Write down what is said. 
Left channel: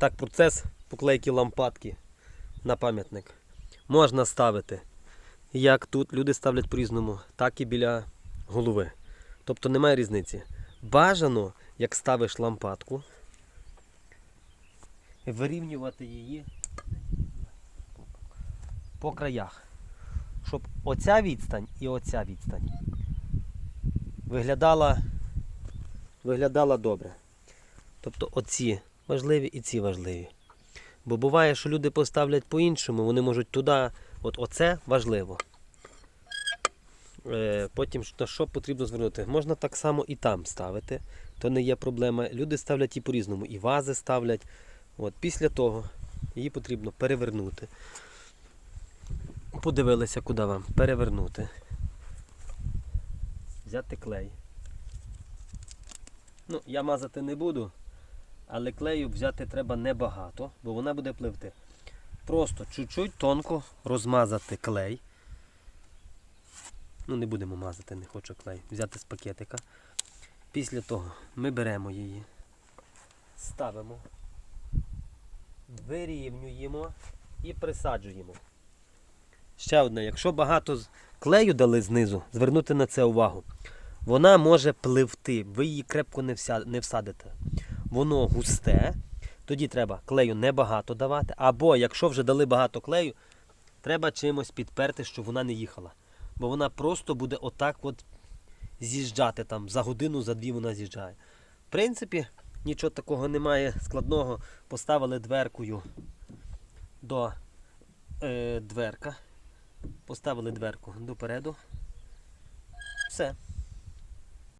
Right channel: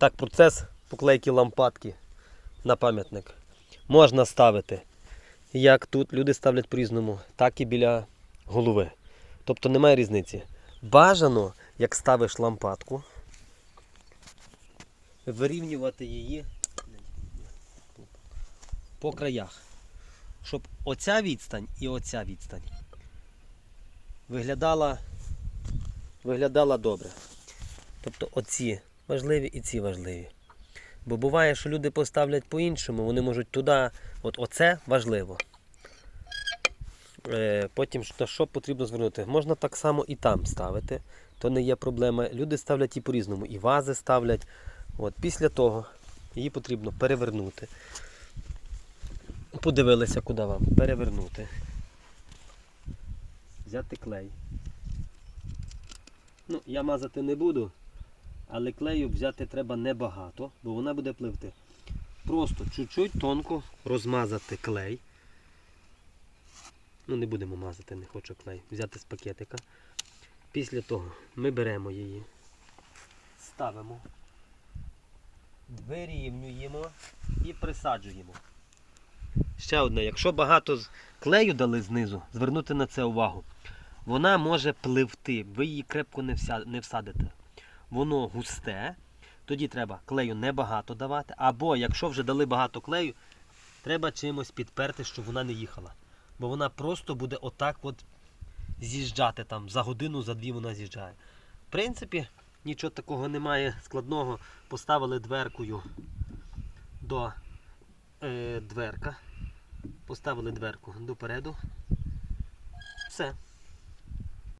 Так, процес поклейки лампадки на пам'ятник можна ставити. Як тут люди ставлять по-різному, так і біля голови. Тобто немає різниці. Бажано, як ставиш лампадку, вирівнювати її по краях. Щоб оця відстань і оця відстань виглядала, виглядала добре. Тобто оці важливі і ці важливі. Бо буває, що люди поставлять по-іншому, вони можуть туди, от оце важливо. Е, Потім на що потрібно звернути? Можна так само і там ставити, то не є проблема. Люди ставлять і по-різному, і вази ставлять. От, після того її потрібно перевернути. Подивилися, куди вам. Перевернути. Взяти клей. Ну, я мазати не буду, але клею взяти треба небагато, бо вона буде пливти. Просто чуть-чуть тонко розмазати клей. Ну, не будемо мазати, не хочу клей. Взяти з пакетика. Після того ми беремо її, ставимо, вирівнюємо і присаджуємо. Ще одне, якщо багато клею дали знизу, звернути на це увагу. Вона може пливти, ви її крепко не всадите. Воно густе, тоді треба клею небагато давати. Або якщо вже дали багато клею, треба чимось підперти, щоб вона не їхала. Бо вона просто буде отак от з'їжджати там. За годину, за дві вона з'їжджає. В принципі, нічого такого немає складного. Поставили дверкою до е, дверка. Поставили дверку допереду. Все.